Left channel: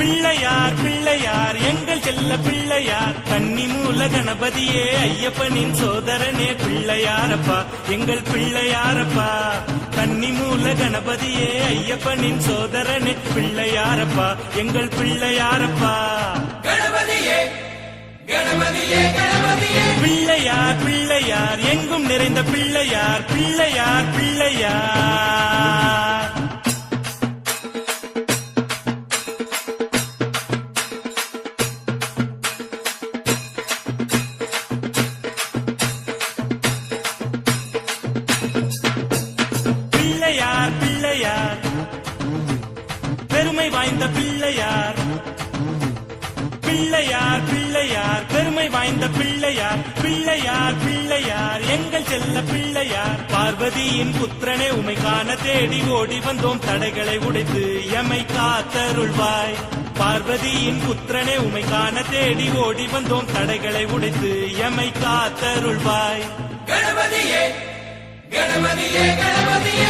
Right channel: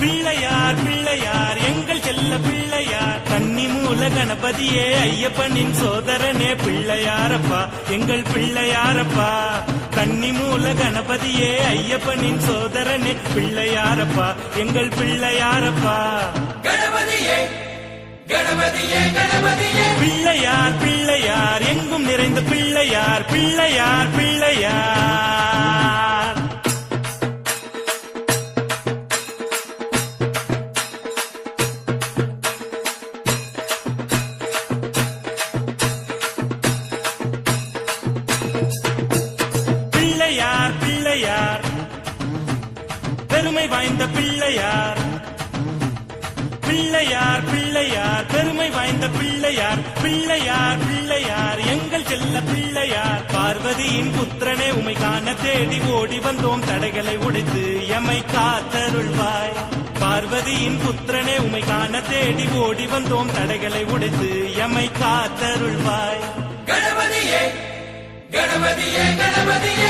பிள்ளையார் பிள்ளையார் எங்கள் செல்ல பிள்ளையார் கண்ணின் மூல கணபதியே ஐயப்பனின் சோதரனே பிள்ளையாரப்பா எங்கள் பிள்ளையாரப்பா கன்னி மூல கணபதியே ஐயப்பனின் சோதரனே பிள்ளையாரப்பா எங்கள் பிள்ளையாரப்பா கணபதியே கணபதியே கணபதியே பிள்ளையார் பிள்ளையார் எங்கும் நிறைந்த பிள்ளையார் பிள்ளையார் பிள்ளையார் பிள்ளையார் பிள்ளையார் பெருமை வாய்ந்த பிள்ளையார் பிள்ளையார் பிள்ளையார் பெருமை வாய்ந்த பிள்ளையார் பிள்ளையார் பிள்ளையார் எங்கள் செல்ல பிள்ளையார் பார்வதியின் புத்திரனே உமை காண தேடி ஓடி வந்தோம் தடைகளை உடைத்து எமை காத்தருள்வாய் பார்வதியின் புத்திரனே உமை காண தேடி ஓடி வந்தோம் தடைகளை உடைத்து எமை காத்தருள்வாய் கணபதியே கணபதியே கணபதியே